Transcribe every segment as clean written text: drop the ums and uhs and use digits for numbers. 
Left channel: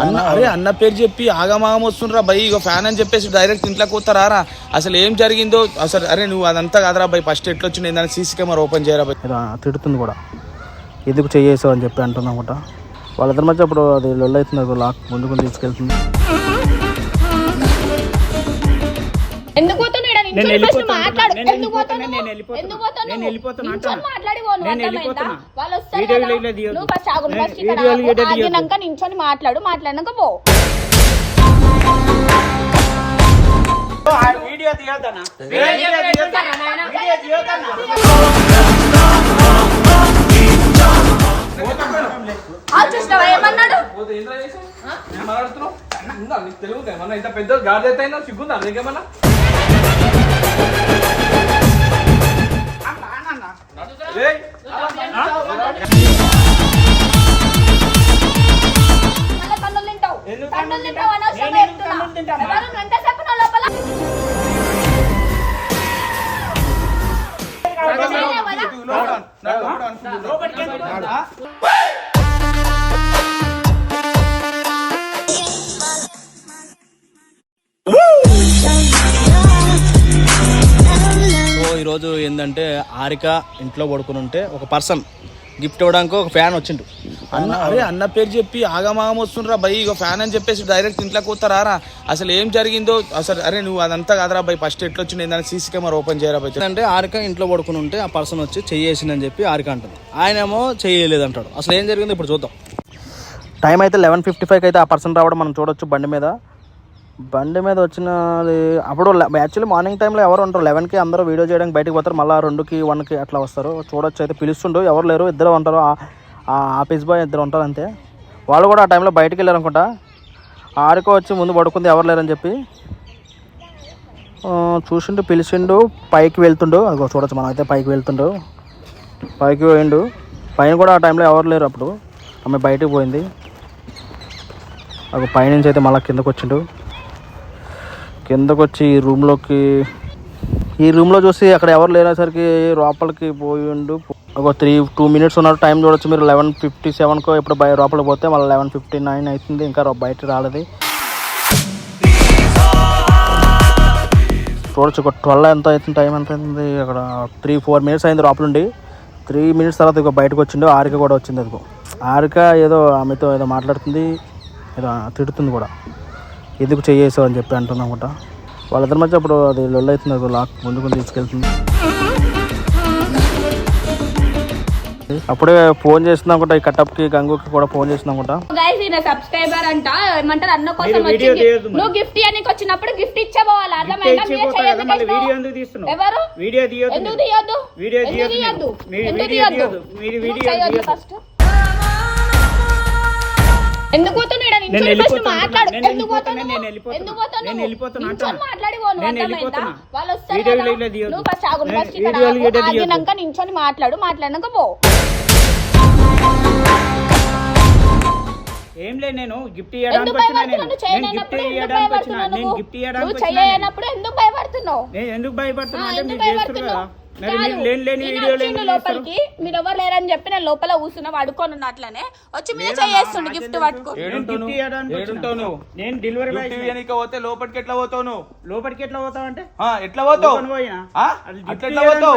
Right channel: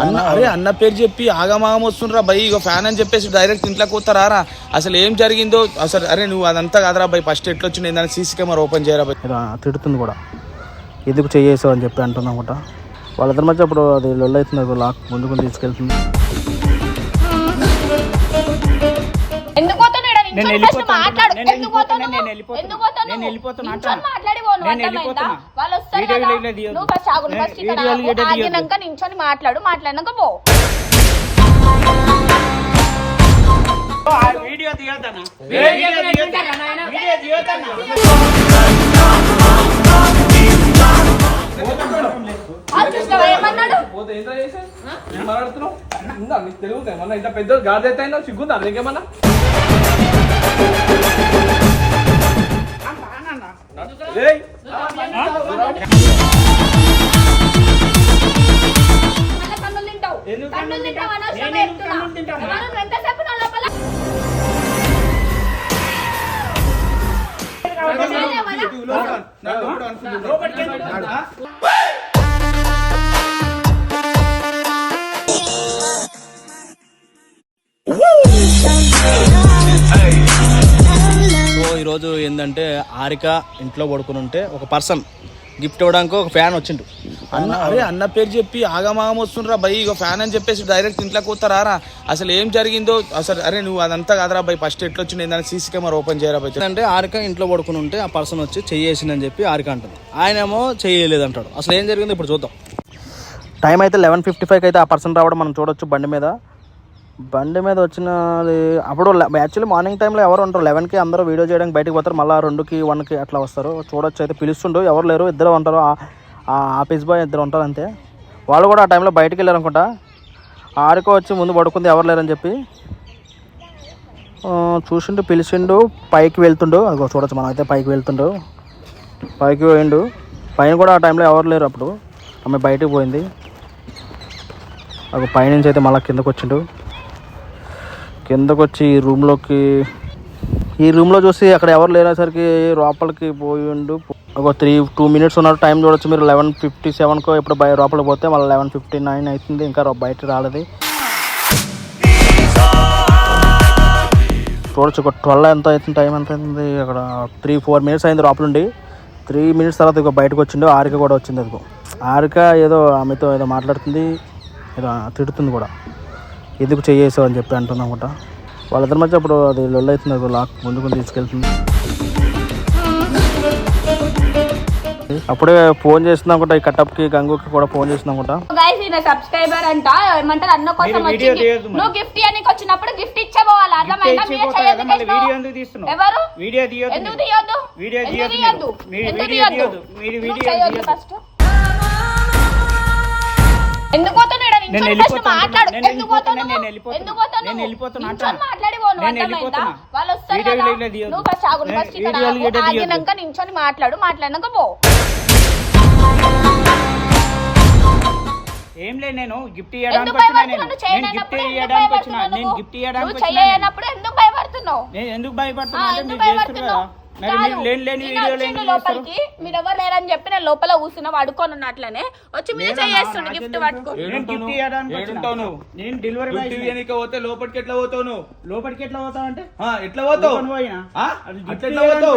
అన్న అరే అన్న పేరు చెప్పి ఆగమాగం వస్తుండ్రా బై, ఇక ఫ్యాన్ అని చెప్పేసి డైరెక్ట్ ఇంట్లోకి పోతారా? అసలు ఏం జరిగిందో అసలు. అరే నువ్వు అదంతా కాదురా బై, ఫస్ట్ ఎట్లొచ్చింది ఏందని సీసీ కెమెరా ఓపెన్ చేయరా బై. తిడుతుంది కూడా, ఎందుకు చేసావు అని చెప్పి అంటున్నామట. వాళ్ళిద్దరి మధ్య అప్పుడు అది లొల్లు అవుతుంది, లాక్ ముందుకు తీసుకెళ్తుంది. నేను వెళ్ళిపోతున్నా. నించొని మాట్లాడినాక పో. వీడియో తీయొద్దన్నా. పెద్ద గాడి అయితే సిగ్గుందా నీకేమన్నా? సో ఈరోజు ఏంటంటే ఆరిక ఇంట్లో పడుకుని ఉంటే ఒక పర్సన్ గిఫ్ట్ ఇవ్వడానికి ఒక ఫ్యాన్ వచ్చిండు. అన్న అరే అన్న పేరు చెప్పి ఆగమాగం వస్తుండ్రా బై, ఇక ఫ్యాన్ అని చెప్పేసి డైరెక్ట్ ఇంట్లోకి పోతారా? అసలు ఏం జరిగిందో అసలు. అరే నువ్వు అదంతా కాదురా బై, ఫస్ట్ ఎట్లొచ్చింది ఏందని సీసీ కెమెరా ఓపెన్ చేయరా బై. అంటే ఆరిక ఇంట్లో పడుకుని ఉంటే ఆ పర్సన్ వచ్చి చెయ్యేసిందని చెప్పి ఆరిక అంటుంది, ఆయనేమో చెయ్యలేదు అంటాడు. అసలు ఏం జరిగిందో ఇప్పుడు చూద్దాం. టైం అయితే 11:55 అయితే ఆ పర్సన్ రావడం మనం చూడొచ్చు. బండి మీద వచ్చినది అప్పుడు యాక్చువల్లీ మార్నింగ్ టైంలో ఎవరు ఉంటారు, 11కి అందరూ వీడియో చేయడానికి బయటకు పోతారు, మళ్ళీ 2కి 1కి అట్లా వస్తారు. చూడొచ్చు అయితే పిలుస్తుండు, ఎవరు లేరు, ఇద్దరు ఉంటారు, ఆఫీస్ బాయ్ ఇద్దరు ఉంటారు అంతే. వాళ్ళు కూడా ఆ టైంలో బయటకు వెళ్ళారు అనుకుంటా. ఆరిక వచ్చి ముందు పడుకుంది ఎవరు లేరని చెప్పి చూసిండు, పిలిచిండు, పైకి వెళ్తుండు. అదిగో చూడొచ్చు మనం అయితే పైకి వెళ్తుండు, పైకి పోయిండు. పైన కూడా ఆ టైంలో ఎవరు లేరు, అప్పుడు ఆమె బయటకు పోయింది. అది పైనుంచి అయితే మళ్ళీ కిందకు వచ్చిండు. కిందకు వచ్చి ఈ రూమ్లో చూసి అక్కడ ఎవరు లేనేసరికి లోపలికి పోయిండు. ఒక 2 minutes ఉన్నారు. టైం చూడొచ్చు మీరు, 11:57కో ఇప్పుడు లోపలికి పోతే మళ్ళీ 11:59 అవుతుంది, ఇంకా బయట రాలేదు. చూడొచ్చు ఒక 12 ఎంత అవుతుంది, టైం ఎంత అవుతుంది, అక్కడ 3-4 minutes అయింది లోపల నుండి. 3 minutes తర్వాత ఇక బయటకు వచ్చిండు. ఆరిక కూడా వచ్చింది. అదిగో ఆరిక ఏదో ఆమెతో ఏదో మాట్లాడుతుంది, ఏదో తిడుతుంది కూడా, ఎందుకు చేసావు అని చెప్పి అంటున్నామట. వాళ్ళిద్దరి మధ్య అప్పుడు అది లొల్లు అవుతుంది, లాక్ ముందుకు తీసుకెళ్తుంది. అప్పుడే ఫోన్ చేస్తున్నాం కూడా, ఈ కట్టప్కి గంగుకి కూడా ఫోన్ చేస్తున్నాం కూడా. సబ్స్క్రైబర్ అంట ఏమంటారు అన్న కోసం నువ్వు గిఫ్ట్ ఇవ్వడానికి వచ్చినప్పుడు గిఫ్ట్ ఇచ్చేపోవాలి. అర్థమైందా? వీడియో ఎందుకు తీస్తున్నావు? వీడియో తీయొద్దు, ఎందుకు తీయొద్దు? వీడియో తీయొద్దు, మీరు వీడియో తీయొద్దు. ఎందుకు పోతున్నాడు? నేను వెళ్ళిపోతున్నా. నించొని మాట్లాడినాక పో. ఏం లేదు, నేను గిఫ్ట్ ఇవ్వడానికి వచ్చిన. ఎందుకు భయపడుతున్నావు? నేను ఎందుకు భయపడుతున్నా అంటే మీరు చేస్తారు కదా, మరి మీరు లేని వీడియోలు ఎందుకు చేస్తారు? మీరు ఎవరు లేరని చెప్పి నేను లోపల కూర్చున్నా పడుకొని అట్లనే వచ్చి మీరు చేస్తుండే గిఫ్ట్ పట్టుకో. నేను డెలివరీ బాయ్ పోతే లోపలికి ఎట్లా పోతావు నువ్వు? లోపలికి ఎట్లా పోతావు అంటే ఎట్లా పోతావు? పోయినా అట్లా పోతావు,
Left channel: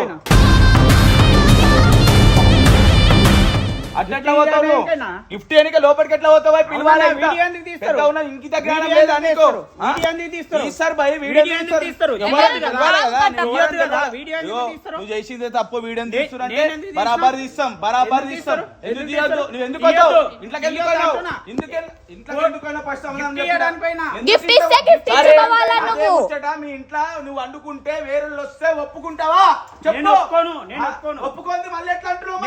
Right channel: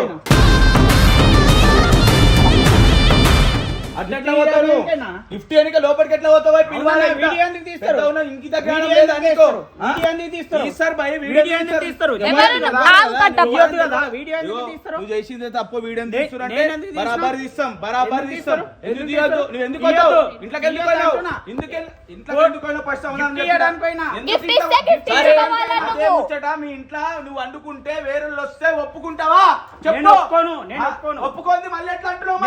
అట్లా పోతావు. గిఫ్ట్ ఎన్నిక లోపలికి ఎట్లా పోతావు? వీడియో ఎందుకు తీస్తారు? ఇంటి దగ్గర నువ్వు చేసింది తప్పు. వీడియో బరాబర్ తీస్తాం, బరాబర్ తీస్తాం. ఎందుకు తీయద్దు? నువ్వు ఎందుకు పోతావు? ఇంట్లోకి ఎందుకు పోయినావు? ఫస్ట్ అదే ముచ్చట. మీ ఇంట్లో నువ్వు వండుకుంటే వేరే వస్తే ఒప్పుకుంటావా? చెప్పు. ఒప్పుకోండి మళ్ళీ ఎట్లా అంటున్నావు?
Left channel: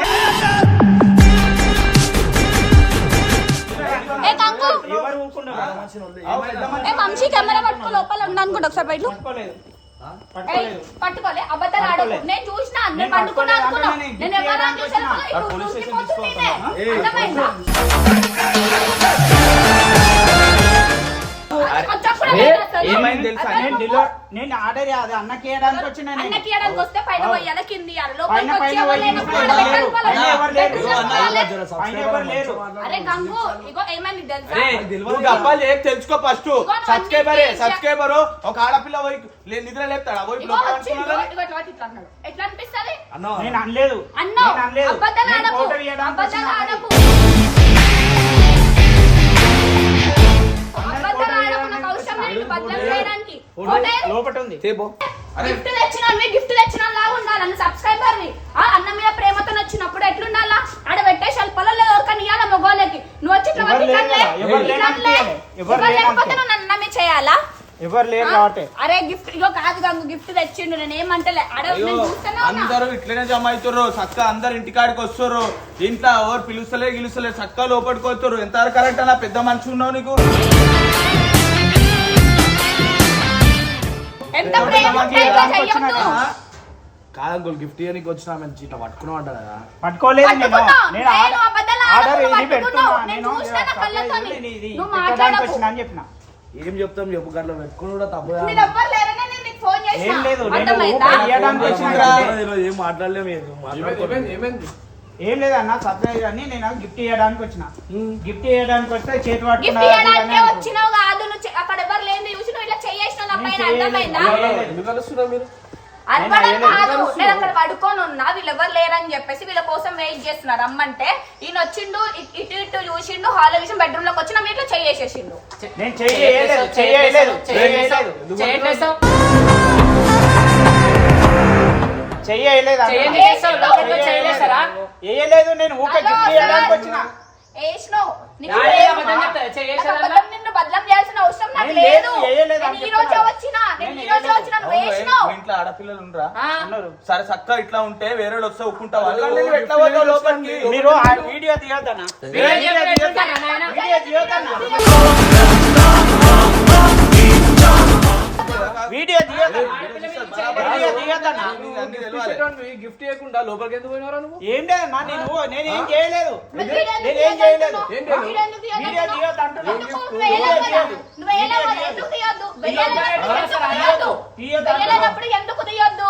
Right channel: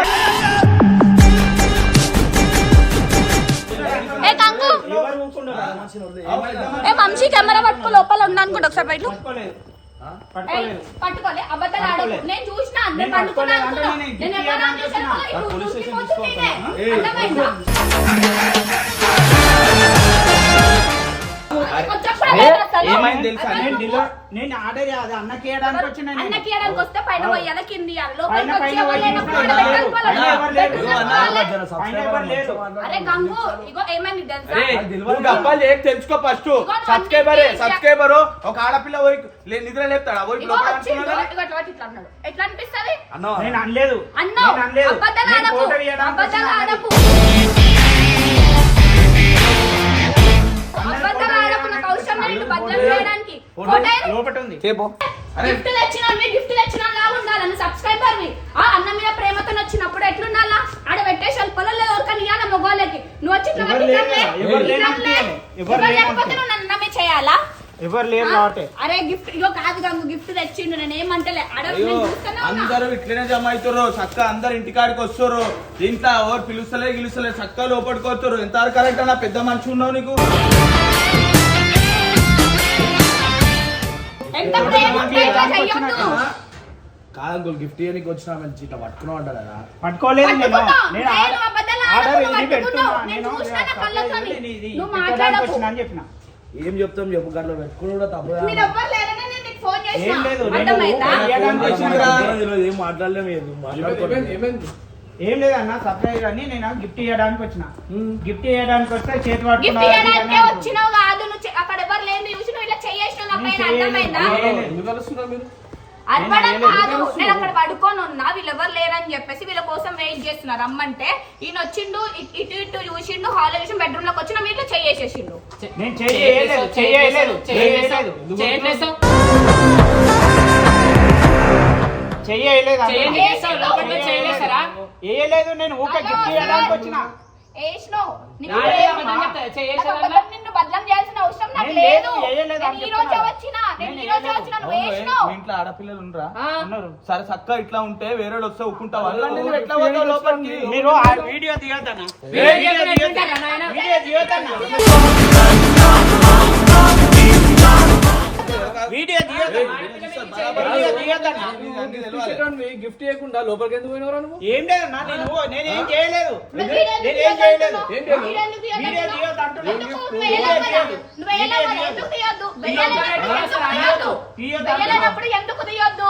మంచి కెమెరా పట్టుకో, లోపల ఉన్నా అనుకుంటా ఒకసారి బయట పట్టుకోలే. అబద్ధాలు ఆడకు. నేను చూసిన అందరు పండుకున్నా అనుకున్నా. నేను ఎవరైనా చూసాను అతను ఏమైంది తెలుసా? నేను ఆర్డర్ అది అన్నకి ఇవ్వడానికి వచ్చిన అన్నకి ఇవ్వడానికి వస్తే పైన పోయాలి కింది ఇవ్వాలి లోపలికి పైన వచ్చి ఎవరు లేనప్పుడు ఎవరు ఆడ లేరు. పెట్టాలి పైన ఎవరు లేరు. అరే గంగు ఇగో ఏమైంది తెలుసా నువ్వు డబ్బాలు ఏం తెలుసుకో ఫస్ట్. సబ్స్క్రైబర్ ఒక ఆడపిల్ల పోయి నిద్ర లేపుతాడా పోయి ఇగో లోపల వచ్చిండు అనుకున్నాడా? ఇగో ఇట్లా అన్నాడు ఎట్లా అనిపిస్తది అన్నా నేను అనలేదు అన్నావు నేను అనలేదు. అబద్ధాలు నేను ఆడకు ఫోటో తీయడానికి అబద్ధాలు వచ్చిన ఆడకు అబద్ధాలు ఆడకు నాకు అవసరం లేదు బదలం చేయడానికి ఫోటో లోపట ఉంది తేపో. గిఫ్ట్ తెచ్చిన లాగా ఉండాలి అన్న సబ్స్క్రైబర్ వి ఆ అన్న మీద ప్రేమతో వచ్చినప్పుడు ఎట్లుండాలా ఆడ పెట్టే శల్పలో లేదు ఎవరికని ఇవ్వాల మొగోళ్ళకి నువ్వు వచ్చి ఇట్లా ఎవరు పట్టి లేరు ఇట్లా కదా, ఎవరు ఇట్లా లేనట్టే. ఎవరు ఎవరు లేనట్టే. లేకపోతే నువ్వు నన్ను నమ్మి చేయాలా ఎవరు లేరు కాబట్టి అరే గిఫ్ట్ ఇగో కాదు గంగు గిఫ్ట్ తెచ్చిండు నేను ఏమంటలే ఆడ నేను చూస్తూనే ఉన్నా. అందరూ ఇట్లనే జమ అవుతారు చక్క అందరు ఇంటికాడికి వస్తారు ఇంట్లో ఎవరు పిలుస్తలే చక్క లోపలికి వస్తారు ఎంత కరెక్ట్ అన్న పెద్ద మనిషి ఉన్నావు నీకు ఎంత ప్రేమ ఉంటే ఇట్లా చెయ్యొద్దు. కాదు గిఫ్ట్ ఇవ్వడానికి వచ్చిన మంచి ఇట్లా పట్టుకున్నావు అంట కదా. పట్టుకోలేదు నేను పట్టుకున్నా. నేను నేను అబద్ధాలు ఆర్డర్ ఆడకు, ఇది పట్టుకున్నావు. పెట్టుకున్నా. నేను నేను చూసినా నా కళ్ళతోని. ఇది నువ్వు పెట్టడానికి మాట్లాడకు. వచ్చిన అని చెప్పిన ఏం చెప్తాం చెప్పు గట్ల పెట్టుకుని కూడా తప్పు కదా. మీరు ఎవ్వరు లేరనే నేను నీకు ఫోన్ చేసిన. ఏం లేదు, నేను అర్థమైందా? ఇవ్వడానికి వచ్చిందిరా. ఏం మాట్లాడలేము ఏం లేదన్న సర్ప్రైజ్ అని నేను గిఫ్ట్ ఇవ్వడానికి వచ్చిన గిఫ్ట్ ఇవ్వడానికి వస్తే చేతి గిఫ్ట్ పట్టుకున్నా ఇవ్వడానికే వచ్చినావు కాదు నువ్వు అక్కడ ఎవరు లేని చూసి నువ్వు ఇలా చేయేసినావు నా పైన అర్థమైందా ఎందుకు కలుస్తున్నారు మీరు? అర్పడం కాదు నేను అక్కడ పడుకొని ఉన్నా వీళ్ళు ఎవరు లేరని చెప్పేసి వీళ్ళ కోసం వెయిట్ చేస్తున్నారు రమ్మంటే ఈయన వచ్చిండు ఇటు ఇటు చూసిండు హాల్ చూసి బెడ్రూమ్ లోకి వచ్చిన మీరు చేయేసేసిండు నేను చేయలేదు చేయలేదు చేయలేదు నేను ఊకే గిఫ్ట్ ఇవ్వడానికి వచ్చిన వేసినావు చేయేసాడన్నా? నిన్ను బదలం చేయాల్సిన అవసరం నాకు నేను లేదు వేయలేదు అని నేను ఈ రోజే వచ్చినా నువ్వు వేసినావు మీ ఇంట్లో ఆడపిల్లలు ఉండరా ఉన్నారు. సరే చక్క ఇట్లా ఉంటే వేరే వాళ్ళు వస్తే ఒప్పుకుంటావా ఎట్లా పోతావు లోపలికి మీరు ఆ వీడియో తీయొద్దన్నా వీడియో తీయొద్దన్నా వీడియో తీయొద్దన్నా గిఫ్ట్ ఇవ్వకుండా లోపలికి ఎందుకు పోయినవరా నువ్వు? ఏం లేదన్నా నేనేం చేయలేదు నేనేం చేయలేదు వీడియో తీయొద్దు అంటున్నా ఎందుకు తీయొద్దు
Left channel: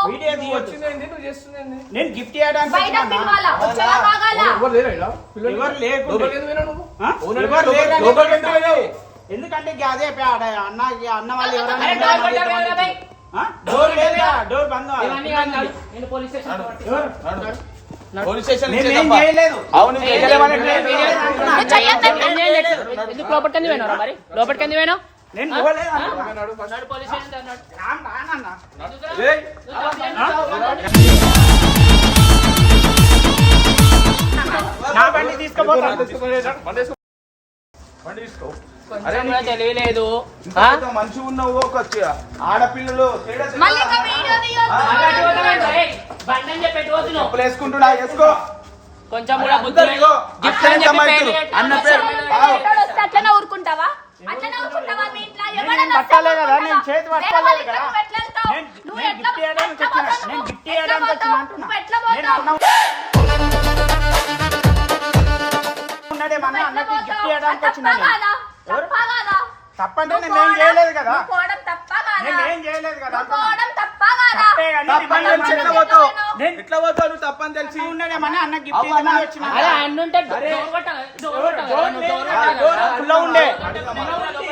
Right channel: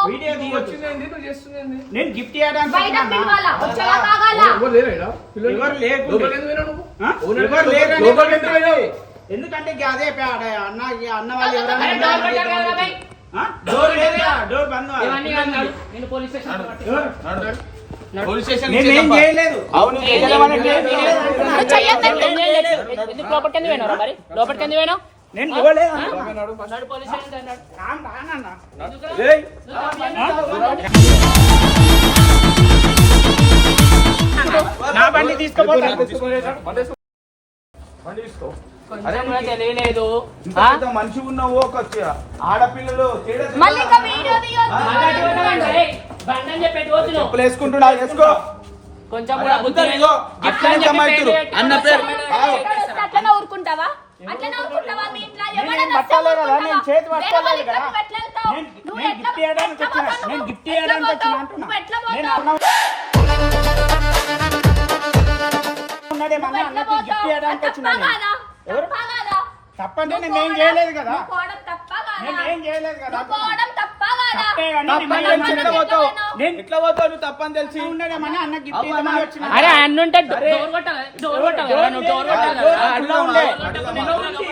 వీడియో తీయొచ్చు ఎందుకు చేస్తుంది? నేను గిఫ్ట్ ఇవ్వడానికి బయట వచ్చినా పిలవాలా వచ్చేలా తాగాలా ఎవరు లేరా ఈడ? పిల్లలు? ఎవరు లేరు. లోపలికి ఎందుకు పోయినావు నువ్వు? ఆ? ఓనర్ ఎవరు లేరు అని లోపలికి ఎందుకు పోయినావు? ఎందుకంటే ఇక అదే అన్న వాళ్ళు అరే, డోర్ కొట్టావు కదా, బై. డోర్ లేదా డోర్ బంద్ ఇవన్నీ కాదు, నడు. నేను పోలీస్ స్టేషన్ పోలీస్ స్టేషన్ నేనేం చేయలేదు అవును ఎందుకు లోపలికి ఎందుకు పోయినావు మరి లోపలికి ఎందుకు పోయినావు నేను పోలేదు నడు పోలీస్ స్టేషన్ నడు. రానన్నా ఏయ్, నా బండి తీసుకోపోతా కొంచెం కూడా తెలియలేదు ఇంత పెద్ద మనిషి ఉన్నావు ఒక ఆడపిల్లలు తేడా తెలుసా? మళ్ళీ ఒక వీడియో తీయొద్దు. బండి చెప్పేది పోతున్నావు చెప్పులు వేసుకుంటున్నా వేసుకో కొంచెం కూడా బుద్ధి అందరూ లేదు. ఇగో అట్లనే జమాయితురు అన్న పేరు ఎక్కడ వస్తే అట్లనే ఊరుకుంటావా అట్లనే ఊరుకుంటావా మీ ఇంట్లో ఎవరైనా నేను వస్తే పట్టాలే కదా, ఊరుకుంటావా? నేను చేతి వేరే పట్టాలే వాళ్ళ ఇంట్లో కదా. నువ్వు ఎట్లా వెళ్తావు? నేను నువ్వు నేను ఎట్లా గిఫ్ట్ ఇవ్వడానికి ఎట్లా వచ్చిన పోతావు? నేను గిఫ్ట్ ఎట్లా ఇవ్వడానికి వచ్చిన పోతావు? అంటున్నా నువ్వు ఎట్లా నేను పోతావు? ఉన్నదేమన్నా నువ్వు ఎట్లా అన్నకి గిఫ్ట్ పోతావు? ఇవ్వడానికి అది వచ్చిన తప్పా కాదా? తప్పా కాదా? తప్పంటే నువ్వు నేనేం పోవడం- చేయలేదు కదా నువ్వు పోవడం తప్పా కాదా? నేనేం చేయలేదు కదా నువ్వు పోవడం తప్పా కాదా? తప్పే కానీ తప్పని నేను తెలిసి ఎట్లా మళ్ళీ పోతావు నేను ఎట్లా పోతావు నువ్వు తప్పని తెలిసి ఉన్నదేమన్నా అన్న గిఫ్ట్ అవునా? ఇవ్వడానికి వచ్చిన అరే అన్నుంటే డోర్ కొట్టాలి డోర్ కొట్టాలి డోర్ నువ్వు లేదు డోర్ కదా, కొట్టాలి. డోర్ ఆ, ఫుల్లో ఉండే అడుగు ఫుల్లో ఉంది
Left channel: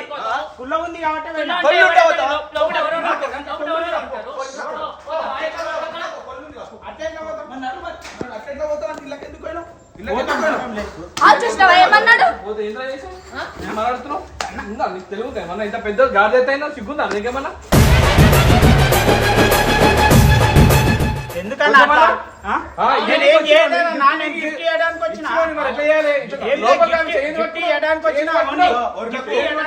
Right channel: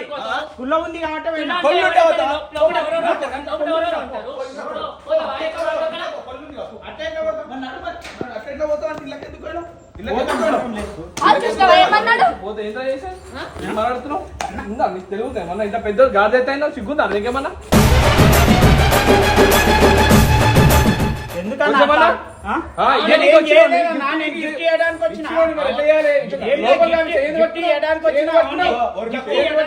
ఫుల్లో ఉంది కాబట్టి వెళ్ళినా. లోపల కొల్లు ఉంటావు కదా? లోపల ఎవరో ఉంటారు. లోపల ఎవరో ఉంటారు. అట్లా పోతావు అంటే ఇళ్ళకి ఎందుకు పోయినావు? ఇళ్ళకి ఎందుకు పోయినావు? ఆ చూసినావా ఏమన్నాడు? పోతే ఏంట్రా చేసావు? ఏం మాట్లాడుతున్నావు? ఉందా నీకు తెలుగుతా ఏమన్నా ఇంత పెద్ద గాడి అయినా సిగ్గుందా నీకేమన్నా? ఎందుకన్నా కొంచెమన్నా? ఆ? ఆ, నేను ఇదే ఏం నీకు చేయలేదు, వచ్చిన నా నేను గిఫ్ట్ ఇవ్వడానికి వచ్చిన. ఇచ్చుకోండి మరి ఎట్లా చేయాలి? ఏం లోపలికి గిఫ్ట్ ఆమె చేయని గిఫ్ట్ ఇవ్వడానికి వచ్చిన. ఇదిగో, ఒరికి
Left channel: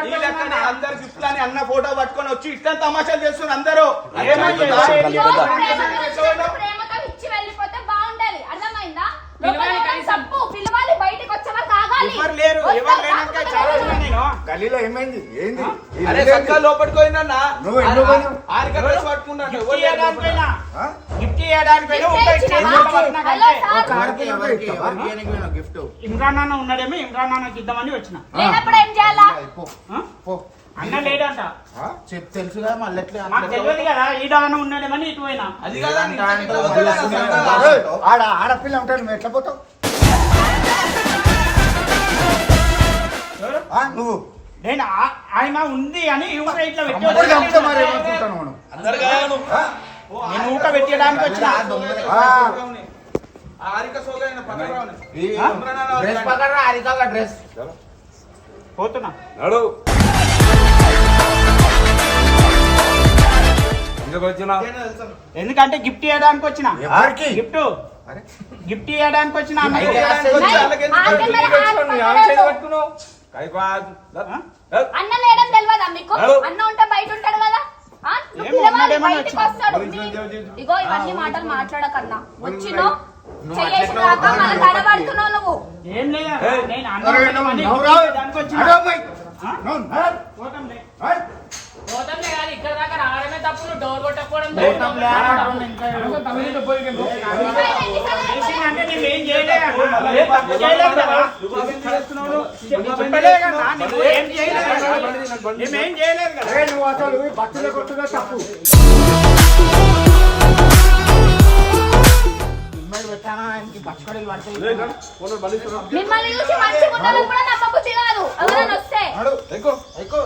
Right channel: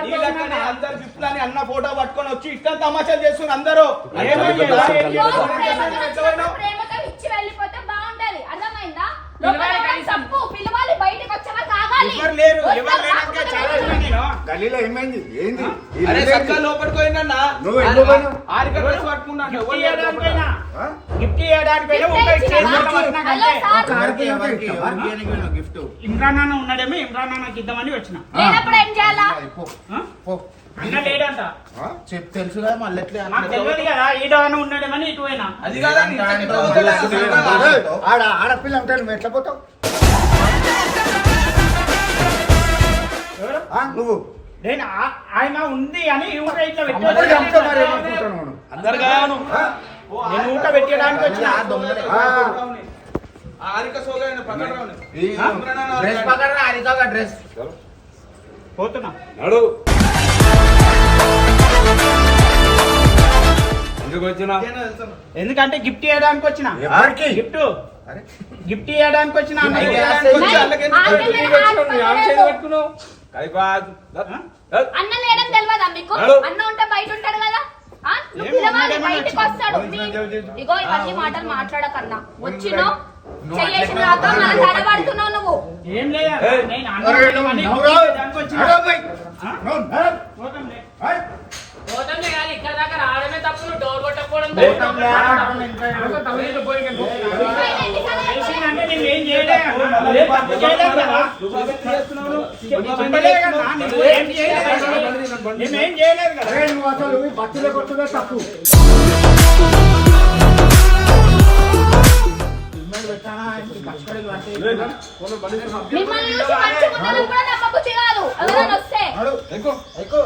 ఈ లెక్కనే అందరు గిఫ్ట్లని అన్న ఫోటో పట్టుకొని వచ్చి ఇట్లా తమాషాలు చేస్తున్నారు అందరూ ఏమైంది? ప్రేమతో ఇచ్చి వెళ్ళిపోతే బాగుంటది అర్థమైందా పిలవాలి లోపల కనీసం. తప్పు పిలవాలి బయటకు వచ్చే వరకు ఆగాలి ఎవరు లేరు వద్దా, ఎవరు లేనాక కాకపోతే చాలా వెళ్ళాలి. నేను గల్లీలో ఏమైంది ఏంది ఈ అరే ఇల్లు చక్కగా లోపలికి పోయినా నువ్వు ఎందుకు పోయినావు? ఆరిక డ్రెస్ పట్టుకున్నాడు గిఫ్ట్ ఎవరు లేరు ఇవ్వడానికి లోపల. పోయినా. ఆ? గిఫ్ట్ ఇవ్వడానికి పోయినా, గిఫ్ట్ ఇంకా ఇచ్చినా? చేతిలో పట్టినా హలో కంటే. సార్ ఎవరికి ఎవరికి ఎవరికి ఇవ్వడానికి పోయినావు గిఫ్ట్ ఇమ్రాన్ నాన్న ఉన్నాడేమో ఇమ్రాన్ నాన్నకి ఇద్దామని వచ్చిన లేనప్పుడు ఏం చేయాలా పో ఆ? పో అన్న లేడంట చెప్పు తెలుసుగా మళ్ళీ ఎట్లా నాకు తెలియదు కదా ఈడవన ఉన్నాడేమని ఇటు పోయినా. అది కాదా నీ ఇంట్లోకి ఎట్లా పోతావు? ఆడపిల్ల ఉంటాడు నువ్వు ఎట్లా పోతావు నువ్వు నేను ఆయన ఉంది అని ఊట ఇట్లా అమ్మడిగా ఉంటే మరి ఏమనుకుంటాను మనం నేను ఊట పెట్టడానికి వచ్చిన. డ్రెస్ పక్కన హరితోగా డ్రెస్ పోతున్నా. ఎందుకంటే గిఫ్ట్ ఇవ్వడానికి వచ్చిన. ఎవరికి? గిఫ్ట్ అరే గిఫ్ట్ ఇవ్వడానికి వచ్చిన. అన్న గిఫ్ట్ ఇవ్వడానికి వచ్చిన. అన్న లేడం తెలియదా మీకు? అన్న ఉంటే బయట ఉంటాడు కదా. ఆ? నువ్వు పిలవాలి, బయటికి వస్తాడు. ఇగో ఇవన్నీ మాటలు మాట్లాడకన్నా. వచ్చినో చెయ్యేసిన దాకా మన తడబడుతున్నావు నువ్వు. ఏం లేదు నేను అన్న అరే, నువ్వు ఉంటే నువ్వు బయటికి రావు. దానికి వచ్చిన. అరే, అబ్బాయి. ఆ? నువ్వు రావు. పోతాంలే. అరే. పోతాంలే కానీ ఇక్కడ దాకా రావడమే తప్పు, నువ్వు డోర్ కొట్టకపోవడం పోతాంలే. చేసిందంటే నేను ఏం చేయలేదు అన్న. నేను తప్పు చేయలేదు కదా. చెప్పలే కదా. నువ్వు ఏం చేయలేదు కదా. మేమేం చేయలేదు కదా. అరే, నువ్వు అసలు బస్సులో కొట్టుగా తప్పు మిమ్మల్ని చూసి మంచిగా ఉండాలని కూడా నమ్మబుద్ధి కాదు. ఎవరైనా వస్తే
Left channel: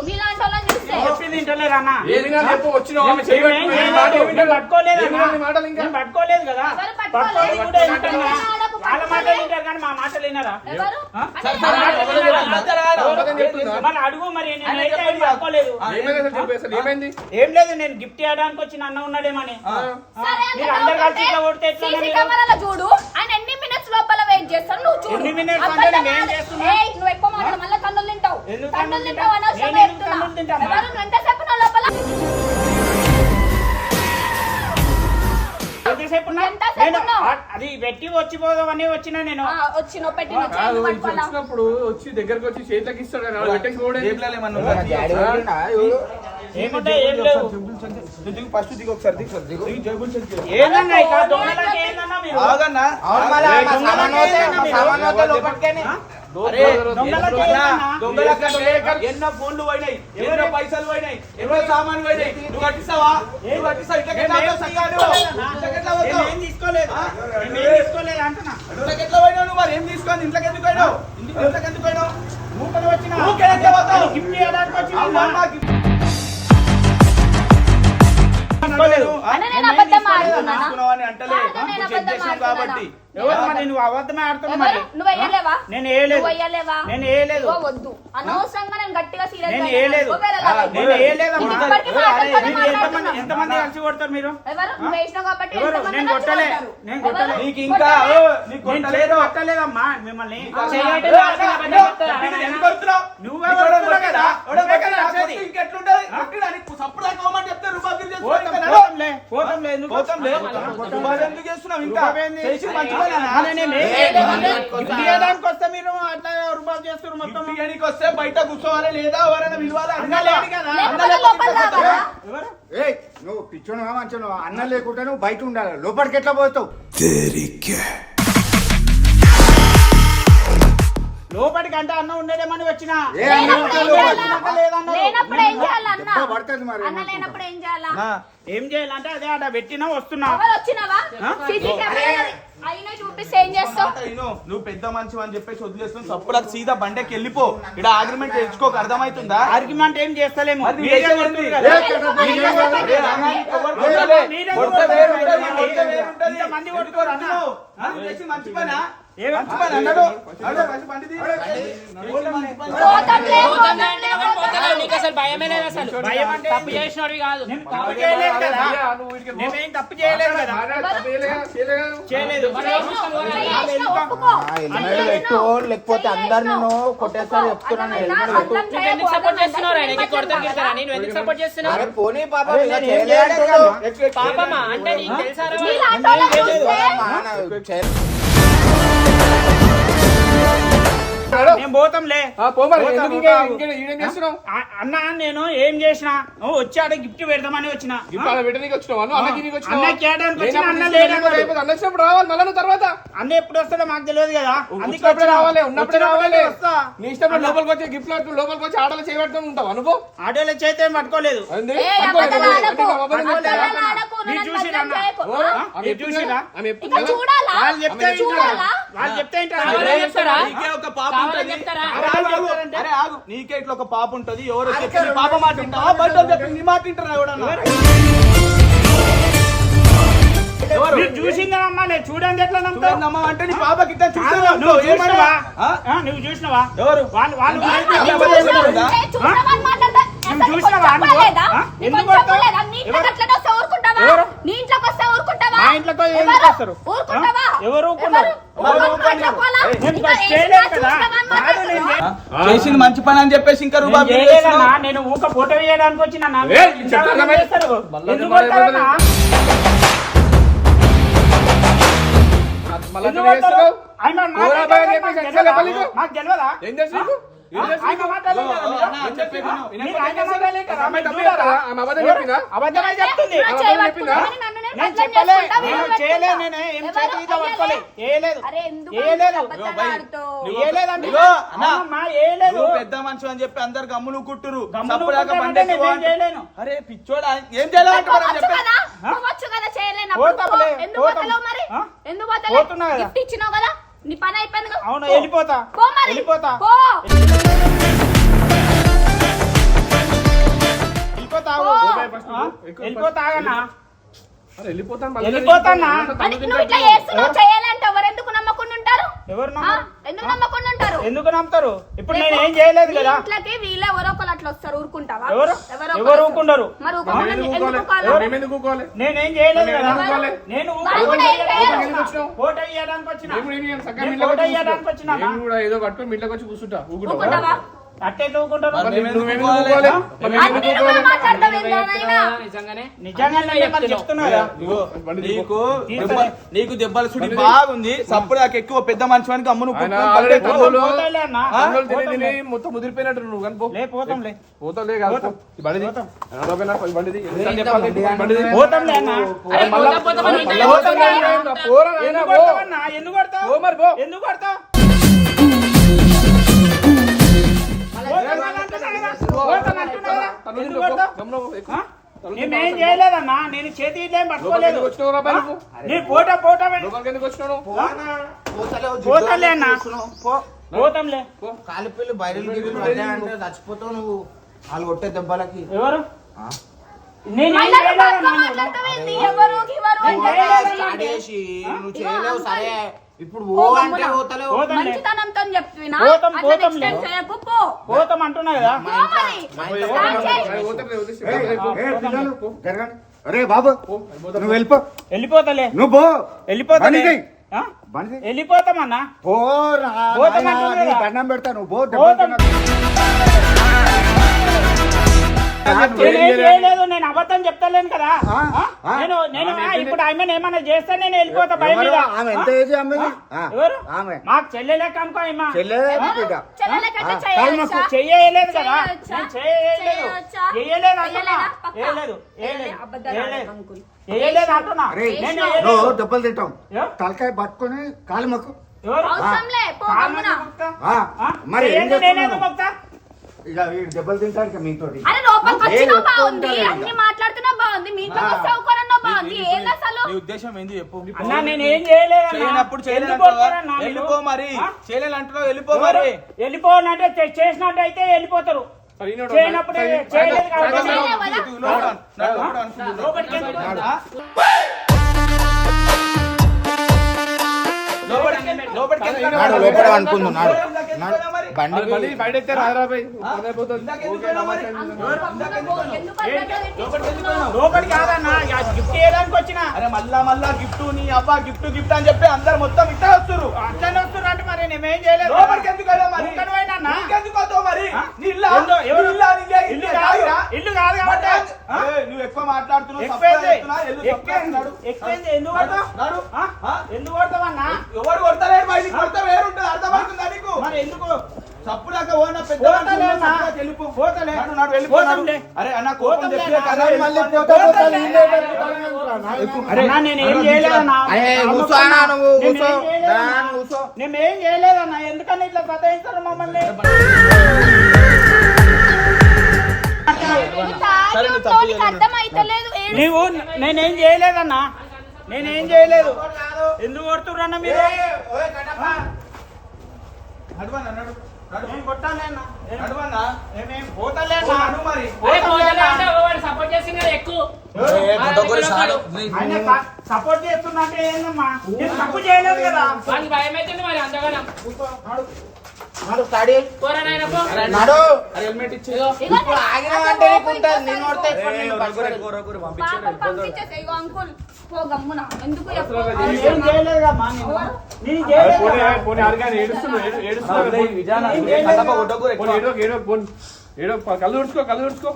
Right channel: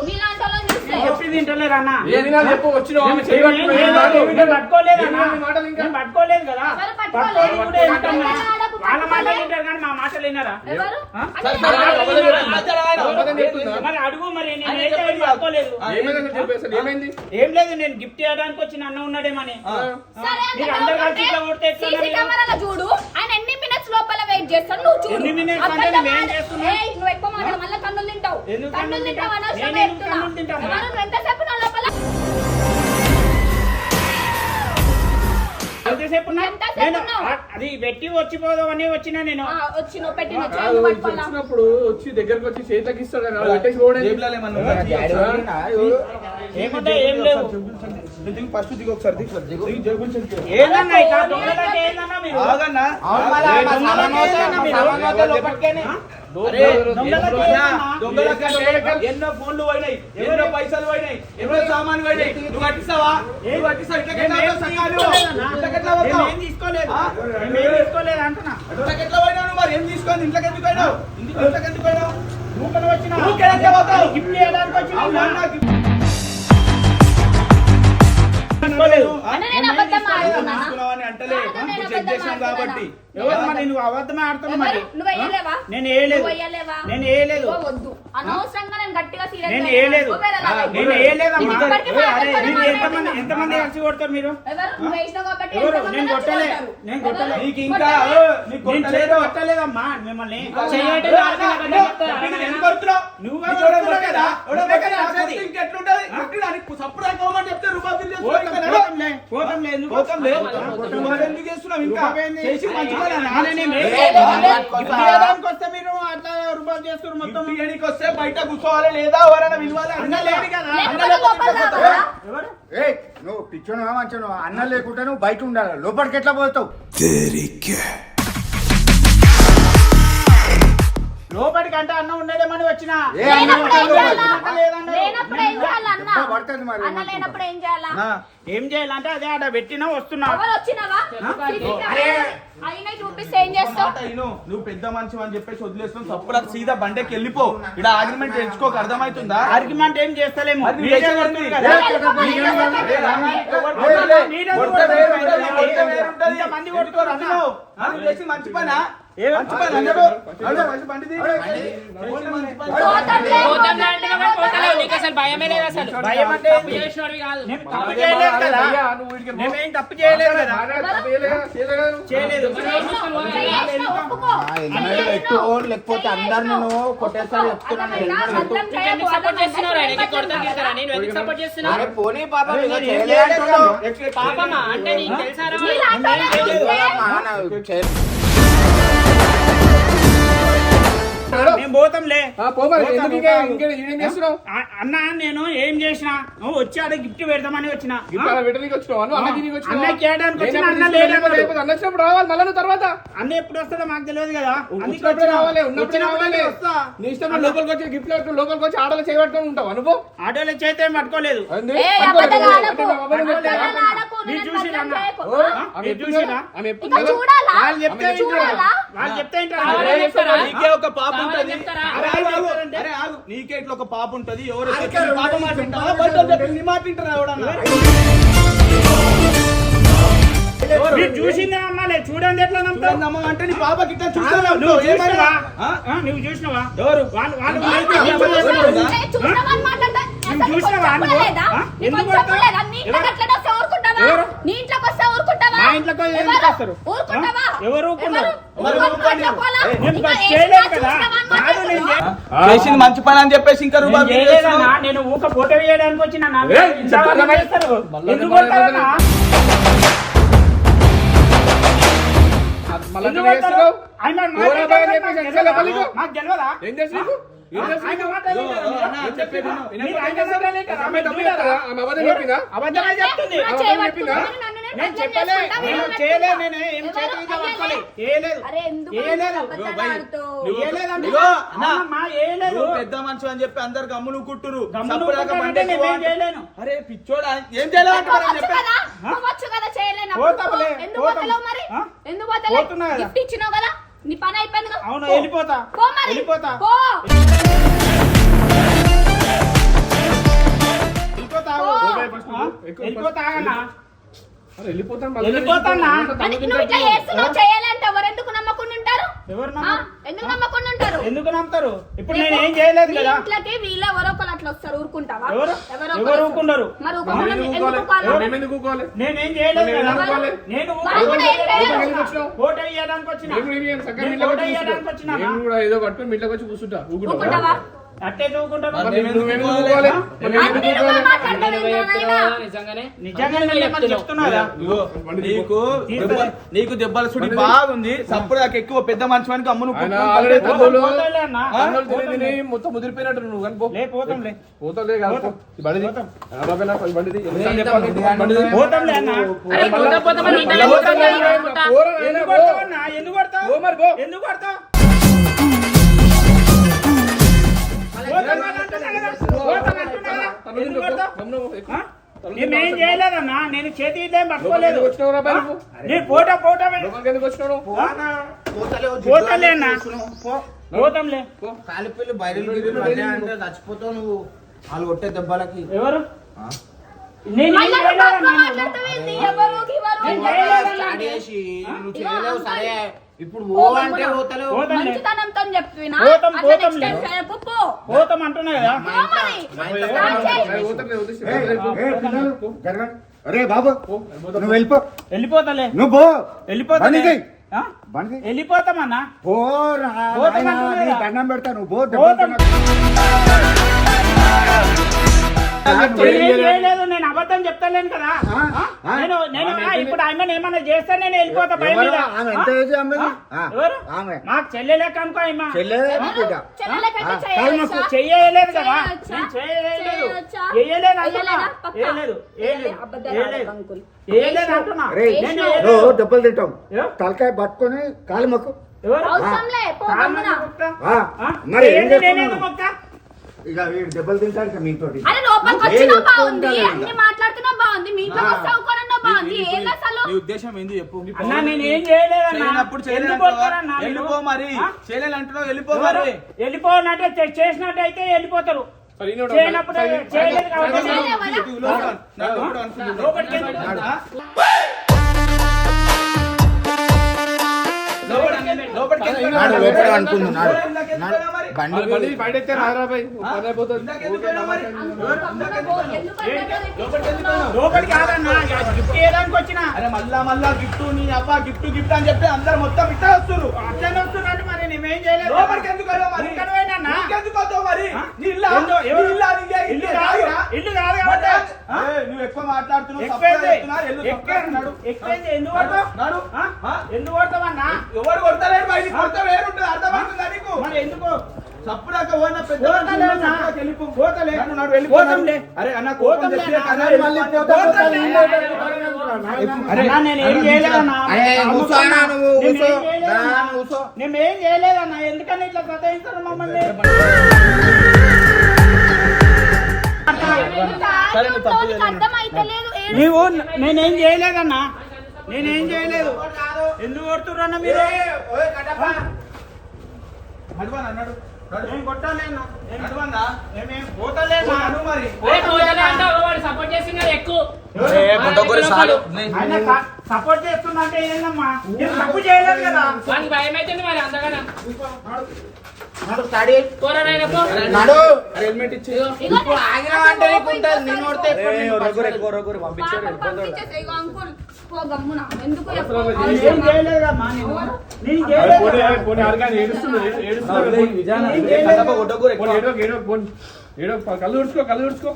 మీలాంటి వాళ్ళని చూస్తే చెప్పింది ఇంటలేరు అన్న. ఏది నాకు చెప్పు, వచ్చినావు, ఆమె నేను చేయబట్టుకున్నావు, ఏం ఏం చేయలేదు. మాటలు? నేను పట్టుకోలేదు అన్న. ఏం మాటలు ఇంకా? నేను పట్టుకోలేదు కదా. ఎవరు పట్టుకోలేదు? పట్టుకోలేదు కూడా వింటాం కదా. ఆడకు వాళ్ళ పట్టుకోలేదు. మాటలు వింటారు కానీ మా మాటలు విన్నారా? ఎవరు? ఆ? అదే వాళ్ళ మాటలు విన్నారా? అబద్ధం చెప్తుందా? మరి అడుగు మరి నేను అయితే ఏం పట్టుకోలేదు. ఏమైంది అసలు చెప్పు, అసలు ఏమైంది? ఏం లేదు నేను గిఫ్ట్ ఇవ్వడానికి వచ్చిన అన్న ఉన్నాడేమని. సరే మీరు అంత అందరు డౌట్ కలిసి ఇట్లా కొడితే ఉంటే ఎట్లా సీసీ మీరు? కెమెరాలో చూడు. ఆయన ఎన్ని మినిట్స్ లోపల వెయిట్ చేస్తాడు నువ్వు చూడు. ఎన్ని minutes అంటే అబద్ధం నేను ఏం ఆడ- చేస్తున్నా? ఏయ్, నువ్వు ఎక్కువ మాట్లాడు మళ్ళీ కన్నులు తింటావు. ఎందుకు కన్నులు కన్నులు తింటావు తింటా? అనవసరంగా నేను ఎందుకు చెప్తున్నా. కన్నులు తింటామా? ఎవరు నువ్వు ఎంతసేపు నా లోపల ఎంతసేపు ఉన్నా? ఎంతసేపు నేను ఉన్నావు? అది పెట్టి వచ్చిపోదామని వచ్చిన నేను. వచ్చి నువ్వు పెట్టి నువ్వు కాదు, చేయి ఇది పట్టుకోవాలా? వచ్చినప్పుడు వచ్చి దగ్గరకు వచ్చి చేతికి ఇస్తాడు కదా, పెట్టేసి పోవడం. ఏముంటే ఏం లేవు. ఫస్ట్ దిగు ఒకసారి దిగు జగులు చెక్ ఏందన్నా ఇట్లా దొంగలకి ఏందన్నా మీరు? ఆగన్నా దొంగలకి ఏందన్నా మీరు? అరే దొంగలకి ఏందన్నా? దొంగలకంటే ఎన్నో ఫోన్లు పోయినాయి, ఎన్నో పైసలు పోయినాయి, ఎన్నో సామాన్లు పోయినాయి. నువ్వు కట్టిస్తావా? నువ్వు కట్టిస్తావు? ఇట్లా మేమేం ఎట్లా పోతావు? మేమేం తీసుకోలేదు. మేమేం తీసుకోలేదు అంటున్నా. ఇంట్లోకి ఎట్లా పోయినావు నువ్వు? మరి ఏం తీసుకొని ఇంట్లోకి ఎందుకు పోయినావు? ఇంట్లోకి ఎందుకు పోయినావు? ఊకలు వచ్చిన ఊరికే ఎట్లా పోతావు? గిఫ్ట్ చేయడానికి వచ్చిన అన్న, నేను అబద్ధం ఆడుతున్నానా? తీసుకున్నావని అంటలే, కాదు, నేను ఇప్పుడు చెక్ అబద్ధం చేసాం కాబట్టి. ఎవరు మరి నువ్వు అబద్ధమే ఆడుతున్నావు మరి. ఎవరు? నువ్వు వేయలేవా? నేను వేయలేదు. నువ్వు వేయలేవా? నేను వేయలేదు. ఇగో వద్దు. అనవసరంగా నేను గట్టిగా సీరియస్ నేను అయ్యాను. వేయలేదు. ఒకవేళ అలాగే. నేను వేయలేదమ్మా. ఇప్పటికీ అరే, మాట్లాడుతున్నా, మీరు మాట్లాడుతున్నా. ఎంతమంది కలిసి కొడతారు మీరు? ఎవరు? నువ్వు వేసినావు కాబట్టి ఎవరు? ఎంతమంది నేను నన్ను కొట్టలే. కొడతారు? నేను కొట్టలే. ఎవరు? నీకు ఇంకా కొట్టలే. నీకు నేను కొట్టలేదు. కొట్టలేదమ్మా మిమ్మల్ని. చేయటం రాదు, అబద్ధం చెప్తారా? ఎందుకు కొడుతున్నావు? నువ్వే నీకు ఎవడో కొడుతున్నావు కొట్టేదా? కదా. ఎవడో నువ్వే కదా కొట్టేదా? వచ్చేది. ఇంకెట్లుంటది? కొట్టినా నీకు సప్పుడు దాకా పోమని చెప్తే రూపాయలు తిరిగి చేసుకో. ఇంకా నడు. పోతంలే, పోతంలే, ఎందుకు? పోతాంలే. నువ్వు అది ఎందుకు చేస్తున్నావు ఇంకా? చేసి మంచిగా గిఫ్ట్ ఇవ్వడానికి వస్తే మీరు అట్లా రూపాయలు చేస్తారు మొత్తం. బిర్యానీకి వస్తే బయట కూర్చోవాలి లేదా ఎవరైనా పిలవాలి అన్న లేడు కదా. లేకపోతే లోపల రావాలా? ఎవరు? ఏయ్ నువ్వు పిచ్చోను మంచోను అన్న లేకుంటే నువ్వు బయట ఉండాలి లోపలికి ఎట్లా పోతావు లోపలికి అంటే అన్న ఉండేదేమని వచ్చిన. ఏ అన్న లేనప్పుడు ఏం చేయాలా? లేదన్నారు. లేనప్పుడు ఏం చేయాలా అన్న? దెబ్బ పడుతుంది మరి అన్న లేనప్పుడు ఏం చేయాలా? ఏం చేయాలంటే అదే ఆడ పెట్టినా వస్తున్నా. ఎవరు వచ్చినావా? సీసీ కెమెరా అయినా చూపిస్తే ఏం చేస్తావు? నువ్వు పెద్ద మనిషి అని చెప్పేసి వదిలేస్తున్నావు. సప్పుడు అది సీదా బండకి వెళ్ళిపో. ఇక్కడ ఆర్గ్యుమెంట్ తెచ్చుకోక అర్థమవుతుందా? ఆర్గ్యుమెంట్ ఏం చేస్తలేము. అది మీరే చేసేది కొడుతురు ఉంది. కదా. మీరే కొడుతురు. మీరే కొడితే కొడుతురు. వేరుంటది, వేరుంటది. ఇంతమంది కొడుతురు అన్న. నువ్వు చేసి మంచి పనా? ఏ మంచి పని అన్నాడు. అడు, మంచి బండి తీ. మంచి పని. పోతంలే, పోతాంలే పోతంలే, అంటే పోతాంలే, పోతంలే. నీకు అసలు భయమే లేదు అసలు. భయం అంటే తప్పు చేసినోడివి కాదు. నేను తప్పు చేయలేదు కదా. మేమేం తప్పు చేయలేదు కదా. చేయలేదు. చేసినావు, ఒప్పుకో. చేసినావు. లేకపోతే అందరు నేను కొట్టేస్తారు చెప్తున్నాను అర్థమైందా? అర్థం నువ్వు ఎందుకు చేయకు, సపోర్ట్ అర్థం చేస్తున్నావు? చేయకు. నీకు కొడతాను కదా, నేను ఎందుకు సపోర్ట్ చేస్తున్నావు? పోనీ పాప, అరే, ఇలా నేను ఏం చేయలేదు. చేయలేదు. పాపమ్మా, అంటే నీకు తెలుసారా? నీలాంటి వాళ్ళని చూస్తే మేము పోతాంలే. పోమరి పోతాం, ఎందుకు పోతాం. ఇంకేం చేస్తున్నావు? అన్న నేను ఏం చేసినా వచ్చి ఆడ గిఫ్ట్ పెడదామని వచ్చిన. ఇప్పుడు పెట్టడానికి వచ్చినావు అన్నకి నీకు వచ్చినావు అన్నకి ఏడానికి వచ్చిన, అన్న లేదన్నాడు. అన్న వచ్చినప్పుడు రావాలి మళ్ళీ నువ్వు తర్వాత అన్న ఎప్పుడు వస్తాడో మాకు తెలియదు కదా. అందుకే వచ్చినప్పుడే వచ్చిన. రావాలి ఉన్నప్పుడే రావాలి. వస్తా. నీ ఇష్టం లోపలికి వచ్చి గిఫ్ట్ లోపలికి వచ్చి ఆడలు చేయబట్టుకొని ఉంటావు అనుకో. ఆటోలో చేతే పట్టుకోలేదు. ఏంది? ఏ, పట్టుకోలేదు. అబద్ధాలు ఆడకు. అబద్ధం అబద్ధాలు చెప్తావా? ఆడకు. మీరు నన్ను చూసిరా బదనాం అన్న? చేయకు. ఆమె ఎప్పుడు చూసిరా? ఆమె ఎప్పుడు ఇంకా చూడాలా? వాళ్ళు చెప్తే చూడాలా? వాళ్ళు చెప్తే ఏంటో నీకే ఒక పాప ఉంటది. అరే ఆగు. అరే ఆగు. నీకే ఇట్లా ఒక పాప ఉంటది. ఎవరు చెప్పి నీ పాప మాట వింటావా? బయట వాళ్ళు చెప్పి నీ మాట వింటారా ఎవడన్నా? మీరు చూసిందమ్మా, నేను చూడండి ఎట్లా నమ్ముతావు? చూడండమ్మా అంటే నీ పాప గిట్ట చూస్తాను. నువ్వు చూసినావా? ఆ? నువ్వు చూసినావా? ఎవరు? వాళ్ళు చూసినావా అని మాట్లాడతా. అసలు నీకు చూసినావా? కొంచెం కూడా లేదా? నీకు ఎందుకు కొంచెం కొడతావు? కూడా లేదా? నీ ఇంట్లోకి అట్లనే వస్తే ఊరుకుంటావా? ఎవరు? నీ ఇంట్లోకి వస్తే ఊరుకుంటావా? మా ఇంట్లోకి ఎందుకు ఎవరు? వస్తారు? ఊరుకుంటావా? ఎవరు ఊరుకున్నారు? ఎవరు? ఎవరు ఊరుకుంటావా? ఊరుకున్నారు? నేను ఇంకా ఫస్ట్ ఏం చేయలేదు కదా. చూసినావా అని కాదు, నేను మాట్లాడుతున్నావా? చేసింది మంచి పని అని చెప్పేసి ఇంకా రూపాయి బిల్లు చేయలేదన్నా. చేస్తున్నావు. నేను ఊక ఫోటో వేయడానికి వచ్చిన. చెప్తారా? ఎందుకు కొడతారన్నా? మళ్ళీ ఎందుకు అట్లా చేస్తున్నావు? కొడతారు? ఆయన ఎవరా మాకు బాగా తెలియదా? చెప్పేసి ఎట్లా చెప్పాలి? మాకు తెలియదా? ఏం చేసి నీకు? ఏం చేసి ఆయన నీకు? మాట్లాడలేదా మీరు? అన్న, చెప్పేది విను. మీరు ఆయన మాట్లాడలేదా? ఆమె తప్పిదా? ఆమె అబద్ధం చెప్పిందా? అబద్ధమే చెప్తుంది. నా చేయి పట్టుకుని నన్ను నేను నేను బదనాం చెప్పలే. చేసుకుంటా, నేను వీడియో చేయలే. పెట్టుకుంటా. నేను ఏం ఎవరు? చేతికి అయ్యలే. పట్టుకోలే. ఏలేదు. అరే ఎందుకు ఏలేదు. అబద్ధాలు ఆడుతావు? ఏలేదండి. ఇగో, అన్న. అమ్మమ్మ, ఏలేదు. నువ్వు పెద్ద మనిషి అని చెప్పి అందరు గమ్ములు కుట్టురు. గమ్ములు చప్పుడాక కుట్టారంటే బండి ఎక్కువ నేనేం చేయలేను. అరే పిచ్చోడా ఏం చేయలేదు పోవచ్చు కదా? పోవచ్చు కదా చేయలేనప్పుడు? పోతాంలే, ఎందుకు పోతాం. పోతలేవు మరి? ఆ? ఎందుకు పోతలేవు? పోతున్నా కదా. గిఫ్ట్ ఇచ్చినావు కదా, నీ పని అయిపోయింది కదా. అవును, పో. వెళ్ళిపోతా. పో మరి. వెళ్ళిపోతా. పో. వెళ్ళిపోతావు. పో. ఆ? వెళ్ళిపోతాగన్నా. అరే వెళ్ళిపోతాను మళ్ళీ. వెళ్ళిపోతానా? అని నువ్వు ఇట్లా చేస్తున్నావు చేయాలంటే ఎవరు ఎందుకు నమ్మకుండా ఉంటారు? ఎవరు ఆ? నమ్మరు? ఎందుకు నమ్మకుండా ఉంటారు? ఎందుకు నమ్ముతారు? ఇప్పుడు నేను ఏం చేయలేదు మీ కదా. ఇంట్లోకి వీళ్ళే ఎవరో ఒకరు అట్లా వస్తారు, ఊరుకుంటావా? ఎవరు? ఎవరో ఎవరు ఒకరు ఊరుకున్నారు? మరి మేము ఊరుకోకుండా ఎందుకు ఎందుకు ఊరుకోవాలి? ఊరుకోవాలి? మేము ఎందుకు ఊరుకోవాలి? నేనేం చేయలేదు నేను కదా. ఎందుకు ఊరుకోవాలి? నేను వాళ్ళు కూడా ఏం చేయరు. ఎందుకు వచ్చినావు? ఫోటో ఇవ్వడానికి వచ్చిన. మేము కూడా ఇవ్వం, చక్కగా నేను మీ ఇంట్లోకి ఫోటో వచ్చి ఇవ్వడానికి కూర్చుంటా. వచ్చినా. నేను కూడా ఏదో పట్టుకుని మీ ఇంట్లోకి వచ్చి కూర్చుంటా. ఊరుకుంటావా? ఊరుకుంటావా? అట్టే ఊరుకుంటాను. మరి మేము నువ్వు ఎందుకు ఊరుకోవాలి? ఊరుకోవాలి? మరి మేము అన్ని ఎందుకు నువ్వే ఊరుకోవాలి? మాట్లాడతావు ఏంటోనైనా? నిజంగానే నిజంగా నేను చెప్తున్నా కదా. ఇగో, నీకు తీసుకో. నీకు దెబ్బల సుడి బాగుంది. సప్పుడు నాకు ఎక్కువ పెద్ద మనిషి వానికి అమ్మును ఆయన ఆల్రెడీ తమ్ముళ్ళు పోతాలే అన్న. తమ్ముళ్ళు పోతాం తిని లే. తిని మొత్తం ముదిరిపోయినట్టు నువ్వు కానీ పో. లే, పోతాంలే. పోతావులే కాదు, పో. పోతాం. ఈ బండిది. పోతాం. నలభై నాకు ఈ బండిది. ఎన్నిసార్లు చెప్పాలి? ఈ బండిది. పోతాంలే అన్న. అరే మళ్ళా పోతామని మళ్ళా ఇంట్లో పోతాంలే పోతాం. అన్న. పోరా నాయనా, ఎందుకు పో. కొడతావన్నా? ఎందుకు కొడతావు? పో మరి, పో. ఎందుకు కొడతావు? పోతానంటున్నా కదా. పోతానంటున్నా కదా. తన్నులు ఎందుకు తింటూ పో. కొడతావు? గమ్మున పో. ఎక్కు. తన్నులు తింటూ నేనేం పో. చేయలేదన్నా. నేను చేతి ఇదేం లోపలికి పట్టుకోలేదు. ఎందుకు వచ్చినావు రా బాయ్ నువ్వు? నేను ఫోటో లోపలికి ఎందుకు వచ్చినావు? పోతాలే అన్న. పోతాంలే. కాలిపిల్లి బయలు చచ్చిపోతావు నువ్వు. వాళ్ళు కొట్టే దెబ్బలకి ఎవరు? నేను మళ్ళా ఏం నువ్వు చేయలేదన్నా. తక్కువ మాట్లాడతావేంటి? ఎవరు గివరు అని నేను చేయలేదు. చెప్పాలి. చేసి నువ్వు ఇగో చేయలేవు. అంకుల్. సరే ఇప్పుడు పో ఓ అంటే గమ్మున. పోతలేవు. పోతాంలే. మంచితనంతో చెప్పినా పోతాం, అట్లా పోతాం next time లే. చేయకు, పో. పోతాం అంటున్నా కదా. పో మరి. స్టార్ట్ చేయి. అరే పోతారులే, వదిలేసి. ఏయ్, పో. ఏయ్, పిల్లలు, జరగండి. అరే బాబు నువ్వు వెళ్ళిపో. వెళ్ళిపోతలే. నువ్వు పో. వెళ్ళిపోతలే. బండిది. ఆ? బండిది. వెళ్ళిపోతామన్నా. పోరా పోతాం నాయనా, అంటున్నా నీ కదా. దండం పెడతా నువ్వు పో. పోతాం. దెబ్బలు నేనేం చేయలేదు. నేను అబద్ధం చెప్తలేను కదా. ఆ? ఆ? ఆ? నేను ఇప్పుడు ఆయన ఏమన్నా చేస్తే నేను వెళ్ళిపోతా భయం ఎవరు? మీద. ఆమె ఎంత ఏజ్ ఆమెది? ఆ, ఎవరు? ఆమె మాకు చెల్లెలేక అనుకో అమ్మా. చెల్లెదే బిడ్డ. చెల్లెలకంటే ఆ, చేయొచ్చా? చెయ్యలేదు కదా. చేయొచ్చా? నేను చేయలేదు. చేయొచ్చా? చేయలేదు అంటున్నా. చేయలేదా? పక్కా? చేయలేదు. చేయలే. అబద్ధాలు చేయలేదు. ఆడకు అంకుల్. చేయలేదు అంటున్నా. అరే నేను నువ్వు చేయలేదు. నువ్వు దెబ్బలు తింటావు. ఏ? తలకాయ పట్టుకొని కాలు మొక్కు. ఎవరు? అవసరంలే, పో గమ్మున. కామని మొక్తా. ఆ, ఆ? మరి ఏం ఏంది నేనేదో చేస్తున్నావు? మొక్తా? ఇక వీడు దెబ్బలు తింటాడు ఇక మీతోటి. అరే లోపలికి నేను వచ్చినా బాగుంది, ఒప్పుకుంటాను అన్ని ఇక. మాట్లాడుతున్నా బాగుంది, మీ ఇంట్లో వస్తే ఊరుకోనన్నా బాగుంది. ఏంది అసలు? నీ ఉద్దేశం ఏంది చెప్పు. అన్నా నేను ఏం చేయలేదన్నా. చేయనప్పుడు ఎందుకు చేయలేదంటావా? కొడతారన్నా మీరు? వెళ్ళిపో మరి. ఆ? చేయలేదంటున్నావు వెళ్ళిపో మరి. వెళ్ళిపోనట్టే చేసినట్టయితే వెళ్ళిపోతారు. సరే, ఈయన ఒకటి చేయనప్పుడు సరే, చేయలేదు కాబట్టి సరే, చేయలేవా? నాకు ఎప్పుడు అనుకుంటున్నావు? లోపలికి ఎందుకు పోతారు? లోపలికి ఎందుకు నాడు, వెళ్ళావు? లోపలికి అనుకుందాం, నాడు. ఇందాక ఎందుకు వెళ్ళావు మరి? బండి మరి బండి బయట ఎత్తే హైదరాబాద్ పని అయిపోతుంది. ఇందాక ఎందుకు వెళ్ళావు మరి? ఎందుకు అట్లా తిట్టిస్తున్నావు? లోపలికి కాదన్నా, గిఫ్ట్ చేయడానికి వచ్చిన. అరే మళ్ళా గిఫ్ట్ నీ అబ్బా గిఫ్ట్ అని చెప్పి అందరు మొత్తం ఇట్లా వస్తున్నారు. అట్లనే వస్తున్నట్టు మరి నేనేం చేయలేదు. లోపలికి ఎందుకు వెళ్ళావు మరి? ఇక్కడ పోయినా అన్నా? నీకెందుకు వస్తావు మరి? నీ ఇల్లా? ఏందో, ఎవరు? నీ ఇల్లా? నీకే? ఇల్లు నీకే కాదు, తాగిరా? ఇల్లు కాదు కాబట్టి. ఆ? ఏయ్, నువ్వు ఎక్కువ మాట్లాడుతున్నావు. ఎక్కువైంది. సప్లై చేస్తున్నా, ఎల్లు సప్లై ఎక్కువైంది. చేస్తున్నాడు. ఎక్కువైంది. ఎందుకు కొడతావు? నాడు. ఆ? ఎందుకు కొడతావన్నా? ఎవరు కొడతలేరు బయటికి కొడితే వేరుంటది. అర్థమవుతుందా నీకు? మరి ఎందుకు పోతలే అన్న. పోతలే. పోతంలే. అరే అన్న కోపం పోతంలే చెప్పి అన్న. అన్న మళ్ళీ పోతంలే అన్న. అరే, అన్న, నేను ఏం చేయలేదన్నా. కూర్చో అన్న, నువ్వు నేను కూర్చో. ఏం చేయలేదన్నా. దా, కూర్చో. నేను ఏం చేయలేదన్నా. ఎందుకని ఇట్లా సతాయిస్తారు మమ్మల్ని? సరే, నువ్వు తప్పు చేయలేదు. అర్థమైతలేదు నీవు నేనేం చేయలేదన్నా. నేనేం చేయలేదు. ఎందుకు కొడుతుర్రన్న మీరు? నడవన్నా, నడు. నేను కొట్టాలే అన్న. నడవన్నా. నేనేం పోతలేనా? ఓ, నడు మరి. అరే పోతలే అంటే వాడు సపోర్ట్ చేసింది కదా ఎక్కువ ఏ, బుడ్డగొరి సాలు. ఆయన సపోర్ట్ చేస్తున్నట్టే ఏందమ్మా? నేను తప్పు చేయలేదు కదా. వానికి భయం అవుతుంది మరి అంతగానో నడు, స్టాడీ. పోరా నాయన పో నడు. హెల్మెట్ ఇచ్చి ఇప్పుడు ఆగినావంటే నీకుంటుంది. నేను కొడితే పంపించేసే ఇగో అంకుల్ పో గమ్మున ఎందుకు చెప్పు? నేను ఏం చేయలేదమ్మా. నేను చేయలేదు. ఏడో కళ్ళు తుడుచుకో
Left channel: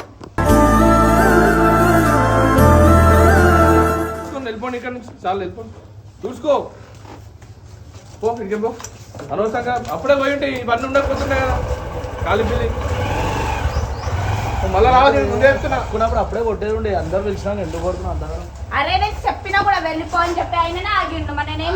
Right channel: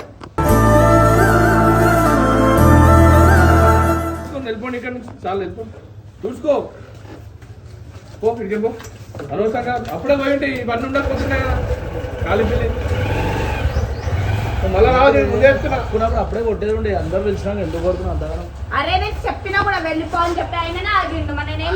వెళ్ళిపోండి ఇక్కడ నుంచి చాలా వెళ్ళిపోండి చూసుకో పో ఇక్కడికి పో అనవసరంగా అప్పుడే పోయి ఉంటే ఇవన్నీ ఉండకపోతున్నాయి కదా ఖాళీ పిల్లి మళ్ళీ రావాలి చెప్తున్నా అప్పుడే కొట్టేది ఉండే అందరూ పిలిచినా ఎందుకు కొడుతున్నావు అంతగా అరే నేను చెప్పినా కూడా వెళ్ళిపో అని చెప్పి అయినా ఆగిండు మరి నేనేం